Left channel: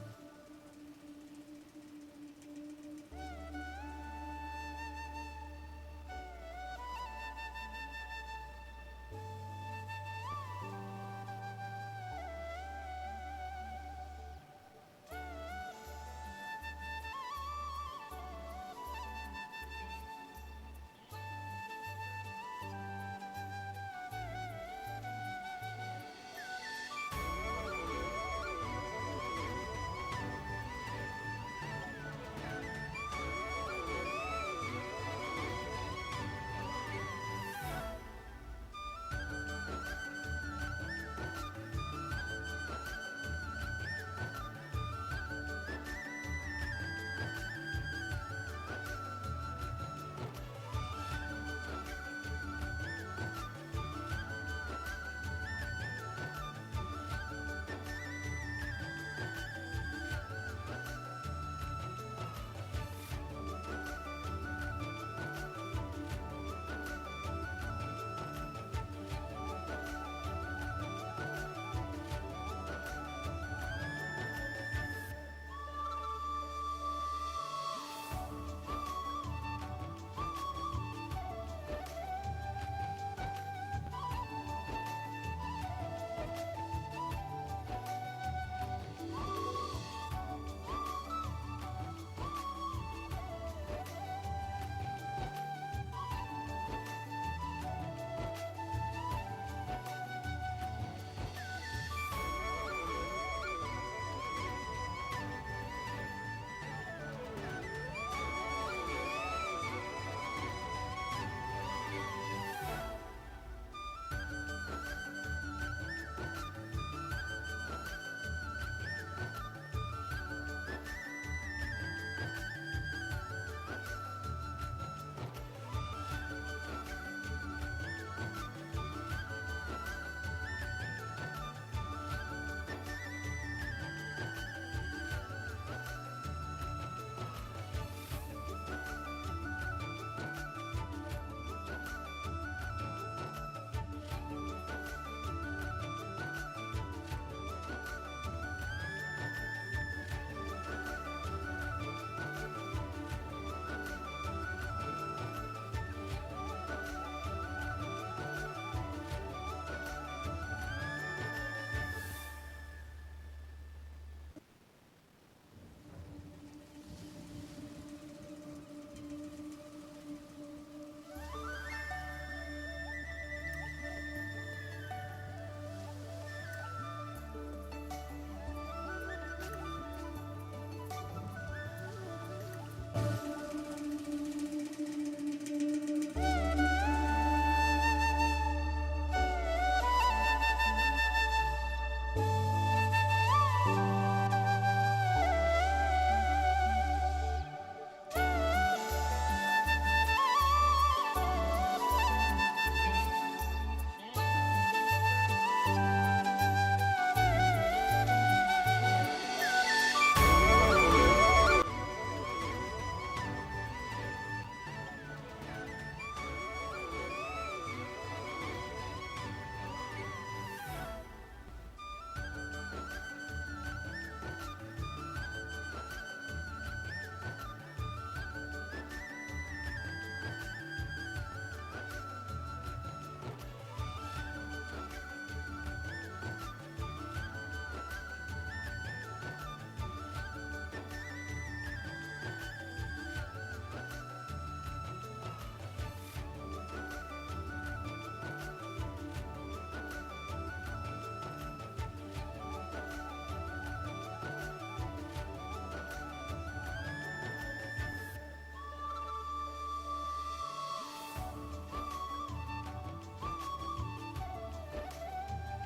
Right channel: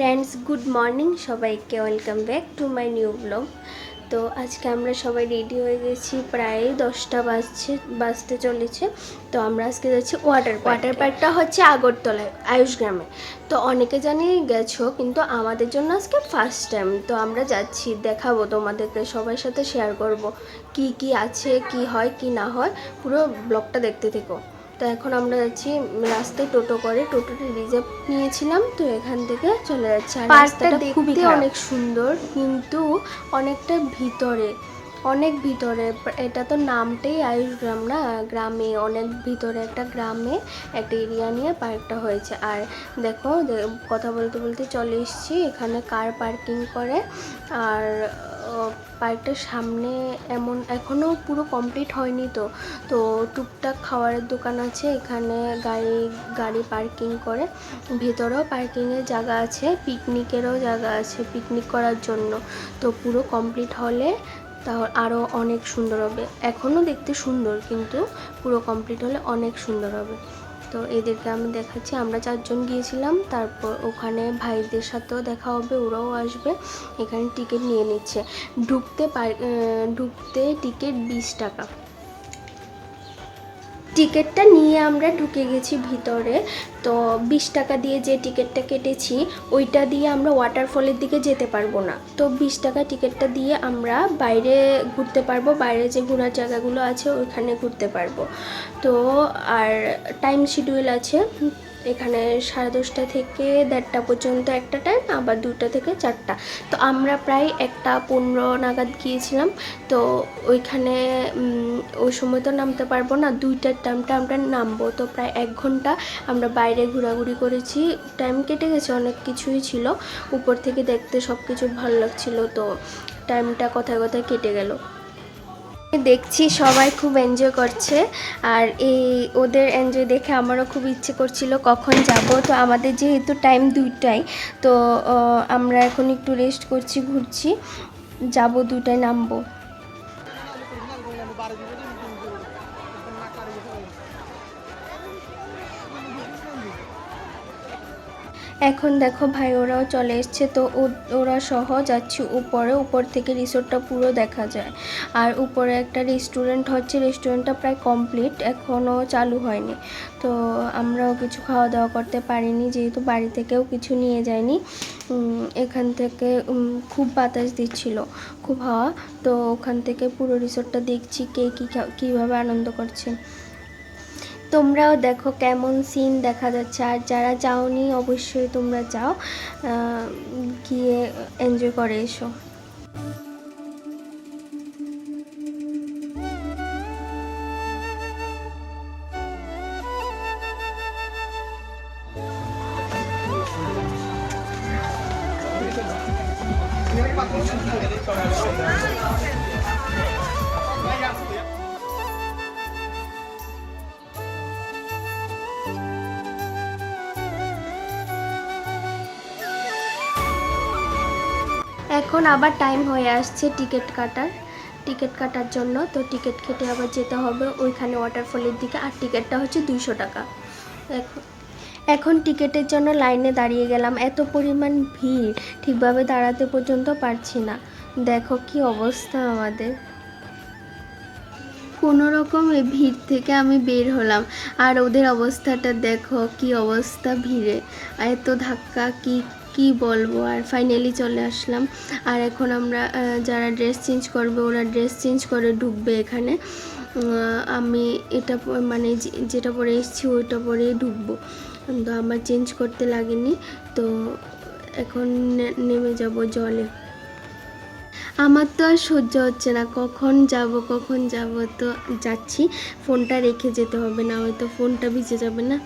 Friends, good morning সবাইকে। Welcome back to my new blog. তো আজকে আমরা সবাই রেডি হয়ে গেছি, প্রায় 10টা বাজতে চলেছে। তো আমরা আজকে যাচ্ছি ওয়াটার পার্কটা হচ্ছে আগরতলায়, আয়ুষ গ্রামে। তো অনেকে জানি গেছো, কিন্তু আমাদের জন্য আজকে ফার্স্ট টাইম। তো আমরা যাচ্ছি, দেখাবো তোমাদেরকে, সবার সাথে শেয়ার করব কি কি আছে, কি হয় কি না হয়, পুরো ব্লগটা দেখতে থেকো। তো এখন আমরা যাচ্ছি রাস্তায় টোটো করে, টোটোটা রিজার্ভ নিয়েছিলাম, তো এখান থেকে চলে যাচ্ছি। আর রাস্তাটা দেখতে অনেক সুন্দর, কিন্তু অনেকটা ভিতরে, অনেক ভিতরে। এটা তো নামটাই আয়ুষ গ্রাম না, গ্রামে, অনেক ভিতরে একটা গ্রামে একটা এরিয়া নিয়ে পার্কটা হয়েছে। আর দেখো, কথা বলতে বলতে চলে এসেছি, এখানে কার পার্কিং করে। আর পার্কটার সামনে এখনও পুরো কমপ্লিট হয়নি, তো টুকটাক খাবারের দোকান আছে, এখানে গাড়ি পার্কিং করে। ভেতরেও পার্কিংয়ের জায়গা আছে, পিকনিকেরও জায়গা আছে, পিকনিক করার জন্য। তো পুরো কমপ্লিট হলে তাহলে আরও অনেক সুন্দর হবে। এখনও দেখতে সুন্দর, কিন্তু পুরো কমপ্লিট হলে অনেক সুন্দর হবে। তো এদেরকে আমি দেখাচ্ছি, আমরা 4 জন গিয়েছিলাম। তারপর ওখানে ভাইদের সাথেও দেখা হবে, ওরাও আসবে। এখানে টিকিট নিয়ে নিচ্ছে, ঢুকতে টিকিট 20 টাকা। টিকিটটা নিয়ে আমরা ঢুকে গেছি ভিতরে। তো 20 টাকা দিয়ে যে টিকিটটা কেটেছি, ওইটা দিয়ে আমরা ওয়াটারফলের দিকে যেতে পারবো না। তো 20 টাকা টিকিটটা দিয়ে আমরা বাইরে ঘুরতে পারবো, বাইরে যে ঘোরার জায়গাগুলো আছে ওইখানে ঘুরতে পারবো। তো আর টাইম শিডিউল আছে এখানে, 10:30 থেকে 1:30 পর্যন্ত একটা টাইম, আবার 2টা থেকে 4টা। তো আমরা প্রায় 1:15 নাগাদ গিয়েছিলাম। তো ওইখানে ওই সময় তো নামতে পারবো না, 2টার টাইমটা আমরা নামবো। তো প্রায় 1 ঘন্টা আমরা বাইরে ঘোরাঘুরি করেছি, টাইম কেটে গেছে, অনেক কিছুই ছিল। উপর থেকে দেখতে সব কিছু ভালো লাগছিলো, তো টাইমটা কথায় কথায় কেটে গেল। দেখছি সবাই খুব এনজয় করছে, আর ওদের এনজয় দেখে আমারও খুব ইচ্ছে করছিল কখন যাব। তো আমাদের যেহেতু টাইম 2টায়, তো আমরা এখন একটু রেস্ট করছি, ঘুরছি, যাব 2টায় নামবো। এখন দেখো ভাই ওরাও চলে এসছে, তো ওরা সহ যাচ্ছি উপরে। উপর থেকে রিসোর্টটা পুরো দেখা যায়। আর উপরে একটা রেস্টুরেন্ট হচ্ছে, রেস্টুরেন্টটা প্রায় কমপ্লিট, এখনও চালু হয়নি। তো আমরাও কিছু খাওয়া দাওয়া করতে পারিনি, যেহেতু বাড়ি থেকেও কিছু নিয়ে যায়নি। এখান থেকে খুব বাতাস দিচ্ছিল, খুব হাওয়া। তো ওখান থেকে পুরো রিসোর্টটা দেখছি কে কীভাবে আনন্দ করছে। তোমরাও দেখো কেমন সিন দেখা যাচ্ছে। আর যারা যাওনি অবশ্যই তোমরা যাও, গিয়ে এনজয় করে এসো। এখন আবার টাইম হয়ে আসছে টিকিট কাটার জন্য। তো টিকিট কেটে আবার যেতে হবে ওইখানে ওয়াটারফলের দিকে। আর টিকিটটা হচ্ছে 200 টাকা। এখন টিকিটের জন্য লাইনে দাঁড়িয়ে গেলাম, এত পরিমাণ ভিড়, ঠিকভাবে দাঁড়াতে পর্যন্ত পারছি না। দেখো কি অবস্থা আমাদের। কোনো রকম এই ভিড় থেকে আমি বের হলাম, আর ওদের অবস্থাটা দেখো কি অবস্থা ভিড়ে, এত ধাক্কা, কি বলবো। আর ফাইনালি চলে আসলাম। আর এখন আমরা যারা ড্রেস চেঞ্জ করবে, ওরা ড্রেস চেঞ্জ করে ঢুকবে এখানে। আমি এটা মানে যেটা পরে এসেছি ওইটা পরেই ঢুকবো, তো আমার চেঞ্জ করতে লাগেনি। তো এখন নেমে যাব জলে। আমার তো আর সহ্য হচ্ছে না, কখন যাব। তো যাচ্ছি, ফোনটা রেখে যেতে হবে, না হয়তো ফোনটা ভিজে যাবে না।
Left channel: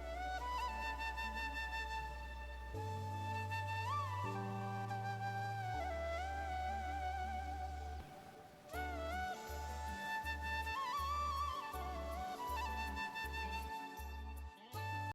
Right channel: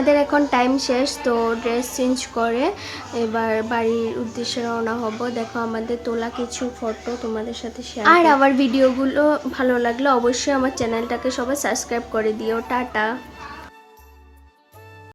আমাদের এখন টাইম শেষ, তো ড্রেস চেঞ্জ করে এবার বাড়ির উদ্দেশ্যে রওনা হব। দেখো আমাদের তোলা কিছু ফটো তোমাদের সাথে শেয়ার। আর আমার ভিডিওগুলো ভালো লাগলে অবশ্যই আমার চ্যানেলটাকে সবাই সাবস্ক্রাইব করে দিও। টাটা।